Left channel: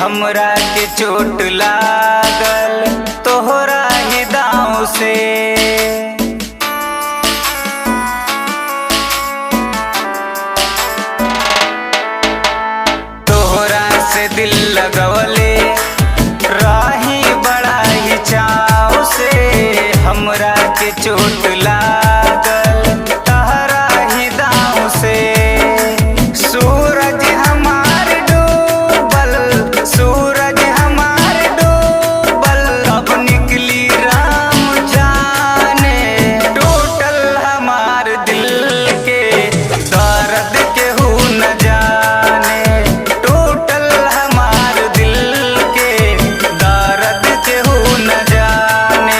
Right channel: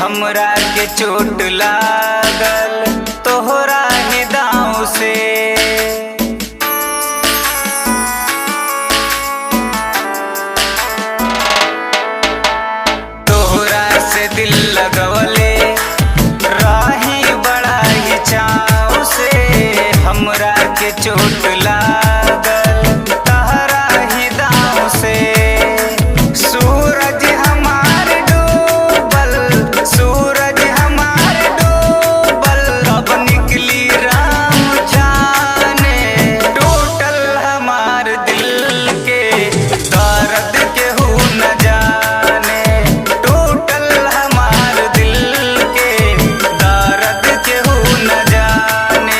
हमरा के चोट लागल तोहरा ही दाँव से। तोहरा से दिल लगवले राही बड़ा ही चाव से। हमरा के चोट लागल तोहरा ही दाँव से। सूरज हमार डूबल, सूरज हमार डूबल, अब निकली राम जाने। टूटल हमार दिल के दर्द केहू न जाने। टूटल हमार दिल के दर्द केहू न जाने।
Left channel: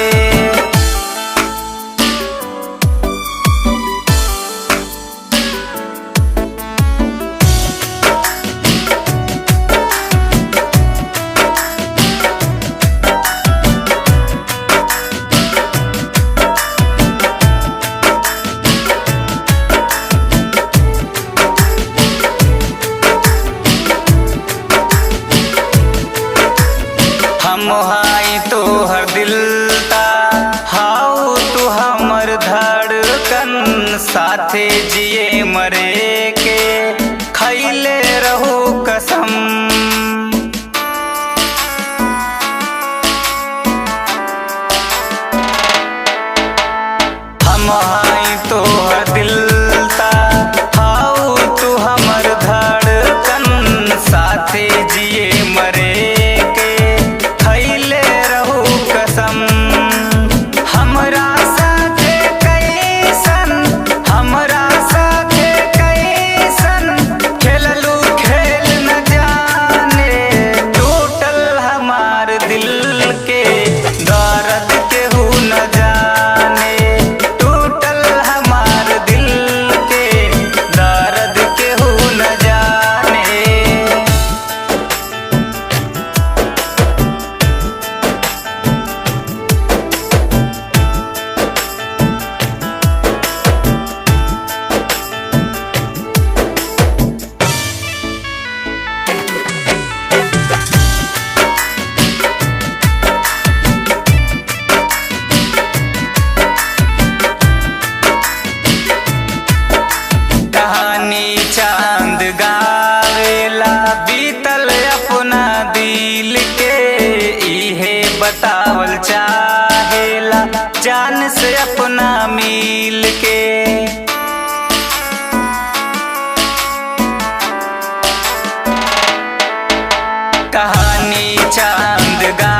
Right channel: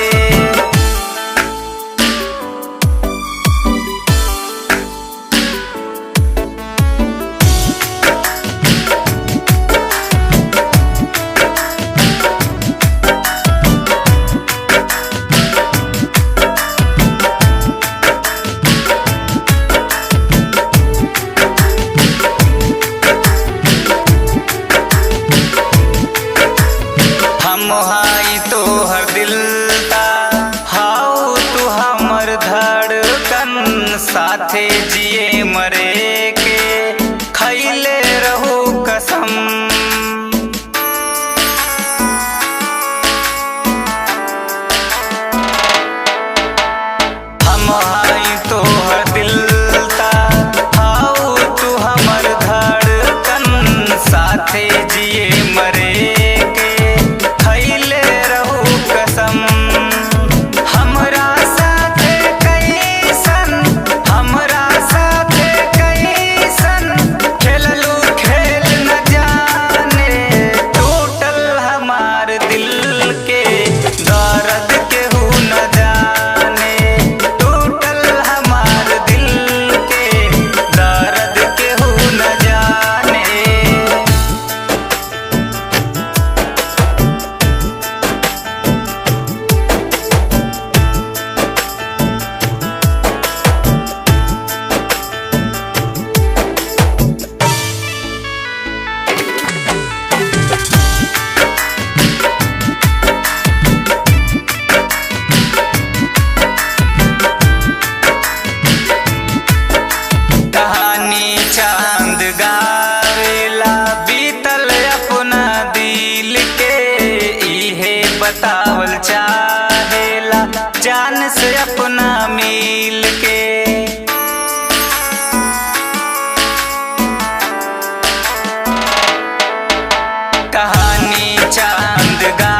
हम हाई तोहर दिल ता, हाउ तू हमर धड़कन। साथे जिए मरे के खैले रहो कसम। हम हाई तोहर दिल ता, हाउ तू हमर धड़कन। साथे जिए मरे हमरा साथे कैसन, हमरा साथे कैसन खेललू खेल न जाने। टूटल हमार दिल के दर्द केहू न जाने। टूटल हमार दिल के दर्द केहू न जाने। कहानी चांद गावेला बीतल अपना दिल के। इहे बतावल चाहेला जान से अपना मिल के। कहानी चांद गा